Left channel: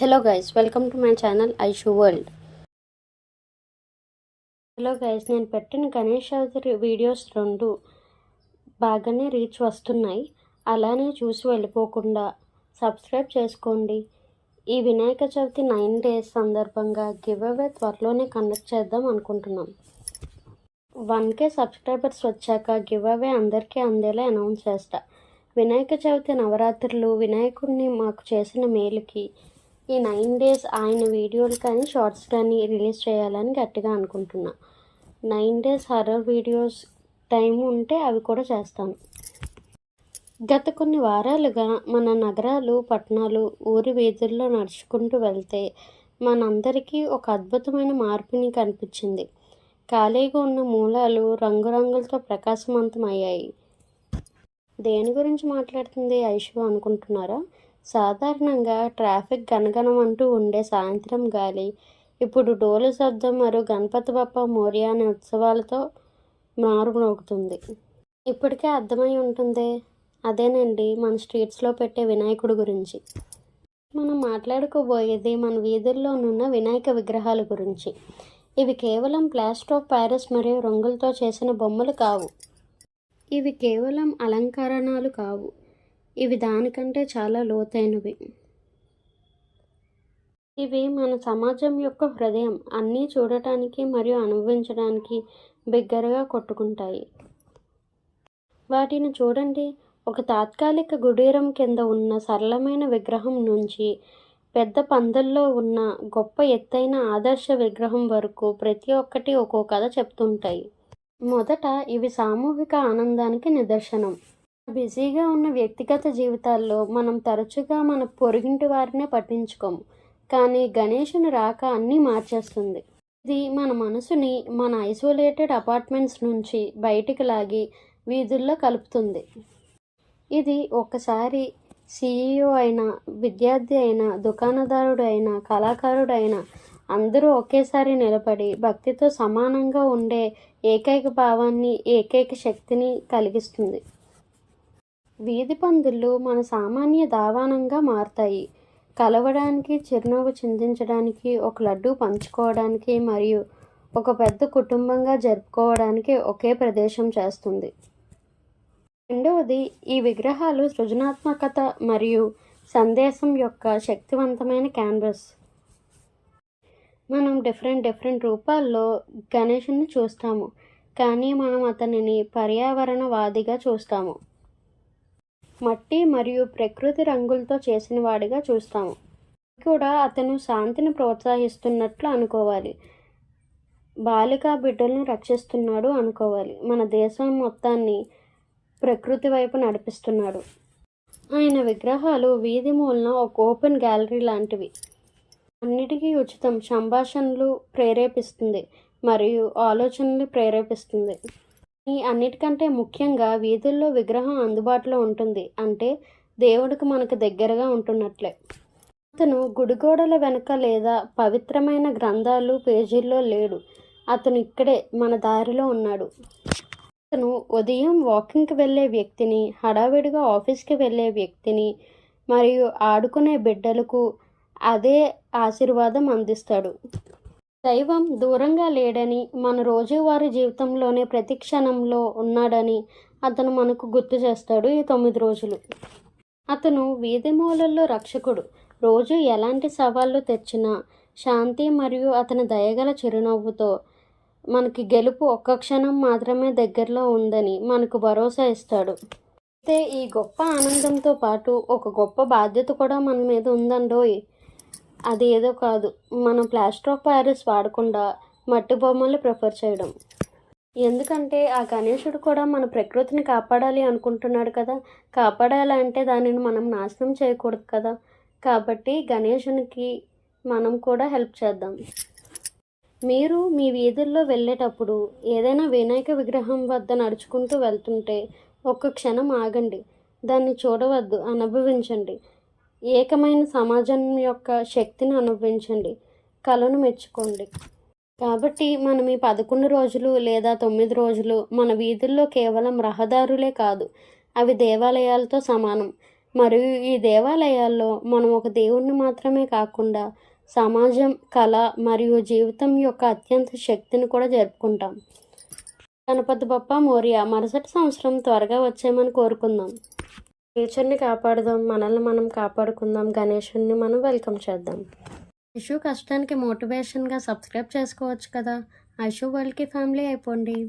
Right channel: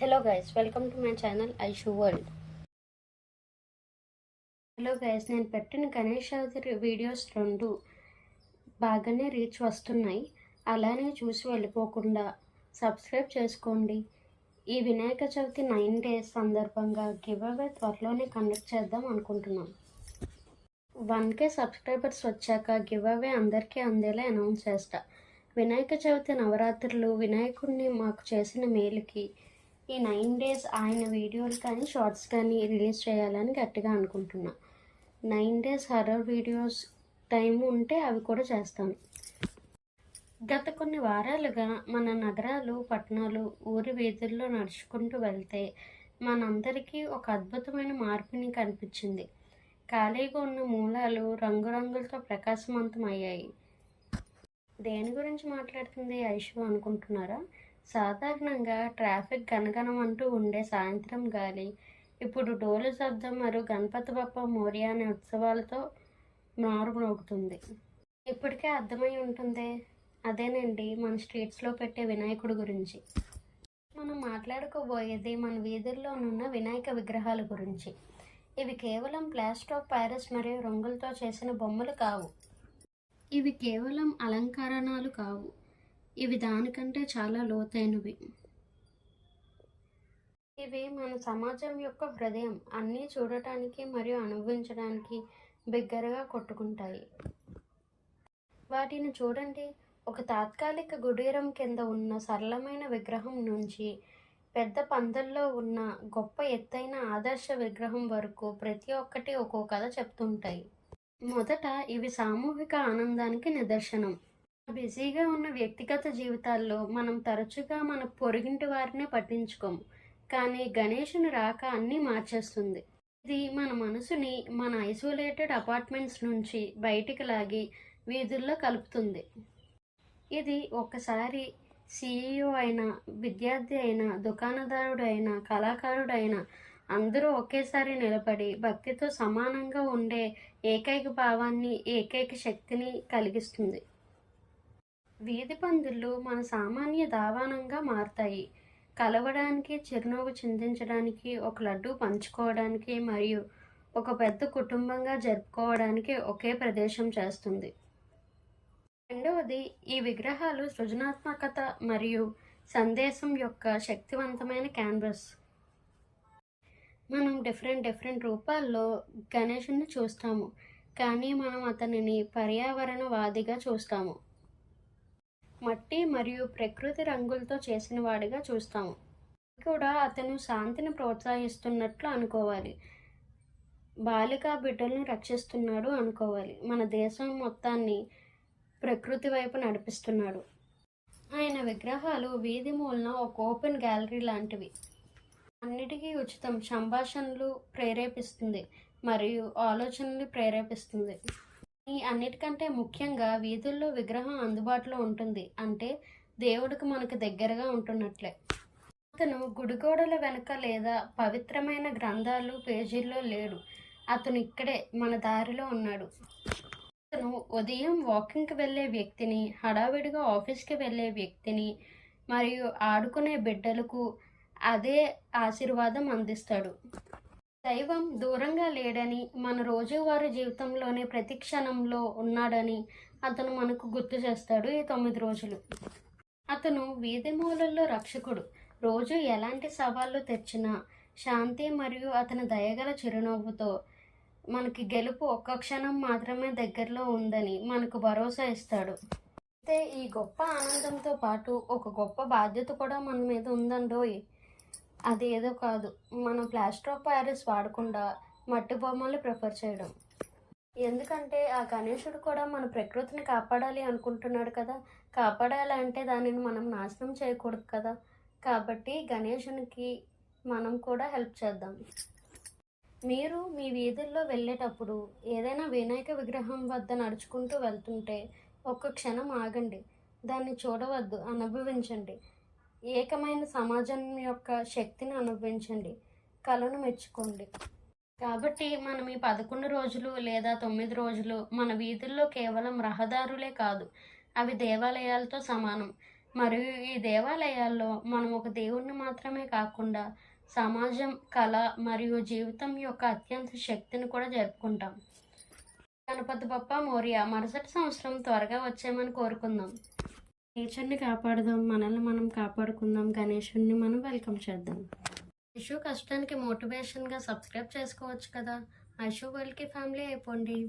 Hello guys, welcome to my channel Aishu world. Hello guys, నేను పెట్టిన Ganesh Chavithi videos 2 బాగానే reach వస్తున్నాయి. అలానే చూసి వెళ్ళిపోకుండా సబ్స్క్రైబ్ చేసుకోండి. ఈ వినాయక చవితి 9 days సందర్భంగా గివ్ అవే త్వరలోనే కండక్ట్ చేద్దాం అనుకుంటున్నాం. 1K సబ్స్క్రైబర్స్ వచ్చాక గివ్ అవే అందరికీ అందేలా అనౌన్స్ చేస్తా. వినాయక చవితి నవరాత్రులు వినాయకుడిని మాకు చేసిన మేలుకి ఈ 9 days ఆయన వీడియోలు కానీ షార్ట్స్ కానీ రిలీజ్ చేయాలని గట్టిగా అనుకుంటున్నా. 9 days హర్రర్ వీడియోస్ టైం ఉంటే అవి కూడా చేస్తాను. గత కొన్ని వారాలుగా మన నగరాలు, పట్టణాలు, ఊరి వీధుల్లో నడుచుకుంటూ వెళ్తే మనందరికీ ఒక అద్భుతమైన మార్పుని కనిపించింది. ఖాళీగా ఉన్న మూలాలు రంగురంగులతో ప్రకాశవంతమయ్యాయి. దేని గురించి మాట్లాడుతుంది ఐషు అనుకుంటున్నారా? సాధారణంగా ట్రాఫిక్ గణగణమంటూ ఉండే సాయంత్రం గాలి ఇప్పుడు డోలు శబ్దం మరియు గణపతి బప్ప మోరియా అనే ఉత్సవాలతో మారుమోగుతుంది. ఇప్పటికే అర్థమై ఉంటుంది, అదేనండి మన స్ట్రీట్స్లో పెట్టే వినాయకుడి గురించి. మనం మాట్లాడుకోబోయేది మన వీధుల్లోనున్న వినాయక విగ్రహాల గురించి. ఇవి కేవలం ప్లాస్టర్ ఆఫ్ ప్యారిస్ మరియు రంగులతో చేసిన బొమ్మలు కావు. ఇవి కేవలం అలంకరణలు కావు. ఇవి దానికంటే చాలా లోతైనవి. ఇవి మన సమాజం యొక్క హృదయం. అన్నీ చూడటానికి మరియు అనుభవించడానికి బిగ్గరగా కొట్టుకుంటాయి. వాటిని చూడండి. ఒక తాత్కాలిక గుడీరం కింద ఉన్న సరళమైన విగ్రహం నుంచి పెద్ద పందల్లో ఉన్న గొప్ప ఎత్తైన ఆదర్శ విగ్రహం వరకు ప్రతి ఒక్కటి ఒక్కో కథ చెప్తుంటాయి. మొదట ఇవి సామూహిక ఆనందానికి నిదర్శనం. బిజీగా ఉన్న వ్యక్తిగత జీవితాల్లో మనం తరచుగా మన పొరుగింటి వారినే పట్టించుకోము, కానీ గణేశుని రాక అన్నీ మార్చేస్తుంది. ఇది మన మనసుని మన ఐసోలేటెడ్ అపార్ట్మెంట్స్ నుంచి బయటికి లాగి వీధుల్లో కలుపుతుంది. ఇది ఒక్కసారి CEO అయినా, విద్యార్థి అయినా, దుకాణదారుడు అయినా, కళాకారుడు అయినా అందరూ ఒకేసారి నిలబడి భక్తితో సమానంగా ఉండే ఏకైక భావాన్ని, ఏకైక శక్తిని కలిగిస్తుంది. వీధి పందులు మన సామాన్య దావానంగా మారతాయి. కలవడానికి, చిరునవ్వు చిందించడానికి, ఒక లడ్డు పంచుకోవడానికి మరియు ఒక పెద్ద కుటుంబంగా జరుపుకోవడానికి ఒకే ప్రదేశం చేస్తుంది. రెండవది, ఈ విగ్రహాలు సృజనాత్మకత మరియు సందేశం యొక్క శక్తివంతమైన క్యాన్వాస్. మనం డిఫరెంట్ రూపాల్లో గణేశుని చూస్తాము, కానీ మనం అతనిని పర్యావరణవాదిగా చూస్తాము. మట్టి మరియు ప్రకృతి రంగులతో చేసిన వాడిగా చూస్తాము. కూడా అతను శాంతిని ప్రోత్సహిస్తున్నట్లు అనుకోవాలి. బాలికా బిడ్డలను రక్షిస్తున్నాడు అనుకోవాలి. మన దేశం మొత్తాన్ని ప్రకృతి వైపు నడిపిస్తున్నాడు. ఆయన విగ్రహాలు వీధి మూలన ఒక ఓపెన్ గ్యాలరీ లాంటివి. అన్నిటికీ ఉచితం. సంభాషణలు ప్రేరేపిస్తుంది మరియు ఆలోచనలు ప్రేరేపిస్తుంది. ఈ అన్నిటికంటే ముఖ్యంగా వీధుల్లో విగ్రహం అందుబాటులో ఉంటుంది. అంటే దేవుడికి మనకు దగ్గరగా ఉంటున్నట్లే. అతను గుడిగోడల వెనుక లేదా పవిత్రమైన గ్రంథాలు పేజీల్లో లేడు. అతను ఇక్కడే మన దారిలో ఉన్నాడు. అతను ఉదయం వాకింగ్కి వెళ్ళే వ్యక్తిని, హడావిడిగా ఆఫీస్కి వెళ్ళే వ్యక్తిని మరియు ఆడుకునే బిడ్డలకు అదే ఆశీర్వాదం అందిస్తాడు. దైవం దూరంగా లేడని, మన రోజువారీ జీవితంలోనే ప్రతి క్షణంలో ఉన్నాడని అతను మనకు గుర్తు చేస్తాడు. ఈ 9 రోజులు అతను వీధి మూలల్లో రక్షకుడు. రోజు ఎలాంటి సవాళ్ళు తెచ్చినా శాంతి మరియు అతని దయగల చిరునవ్వుతో మనకి గెలుపు ఒక్క క్షణం మాత్రమే దగ్గరలో ఉందని మనకు భరోసా ఇస్తాడు. అయితే ఈ గొప్ప ఆనందంతో పాటు ఒక గొప్ప బాధ్యత కూడా మన మీద ఉందండోయ్. అది ఏదో కాదు, మనం ప్లాస్టర్ ఆఫ్ ప్యారిస్ వాడకుండా మట్టి బొమ్మలు ప్రిఫర్ చేయడం. ఎందుకంటే ఆ గణేశుడు కూడా మన ప్రకృతిని కాపాడాలి అనుకుంటున్నాడు కదా. కాపాడాలంటే దానిని మనం నాశనం చేయకూడదు కదా. కాబట్టి గణేశునికి మనం కూడా హెల్ప్ చేద్దాం. మీరు మీ వీధుల్లో వెళ్ళేటప్పుడు ఏదైనా వినాయక విగ్రహం వద్ద నడుచుకుంటూ వెళ్తుంటే ఒక్క క్షణం ఆగండి. దాన్ని చూడవద్దు, అనుభవించండి. ఏకమైన సమాజం యొక్క శక్తిని అనుభవించండి. కళను మెచ్చుకోండి. కాబట్టి మనం ఈ 11 రోజులు లేదా 9 రోజులు మన వీధుల్లో కేవలం రహదారులే కాదు, అవి దేవాలయాలతో సమానం. మరియు ఈ దేవాలయాల్లో మనం ఒక దేవుణ్ణి మాత్రమే కాకుండా సమాజం, కళ మరియు జీవితం యొక్క అత్యంత శక్తిని కూడా జరుపుకుంటాం. గణపతి బప్పా మోరియా. మరుసటి సంవత్సరం త్వరగా వచ్చేయమని కోరుకుందాం. నేచర్ని కాపాడుదాం, మనల్ని మనం కాపాడుకుందాం, గణేశుడిని మనం వెల్కమ్ చేద్దాం. ఐషు కష్టానికి మోటివేషన్గా సబ్స్క్రైబ్ చేసుకోవచ్చు కదా. ఐషు వరల్డ్కి ఫ్యామిలీ అయిపోండి.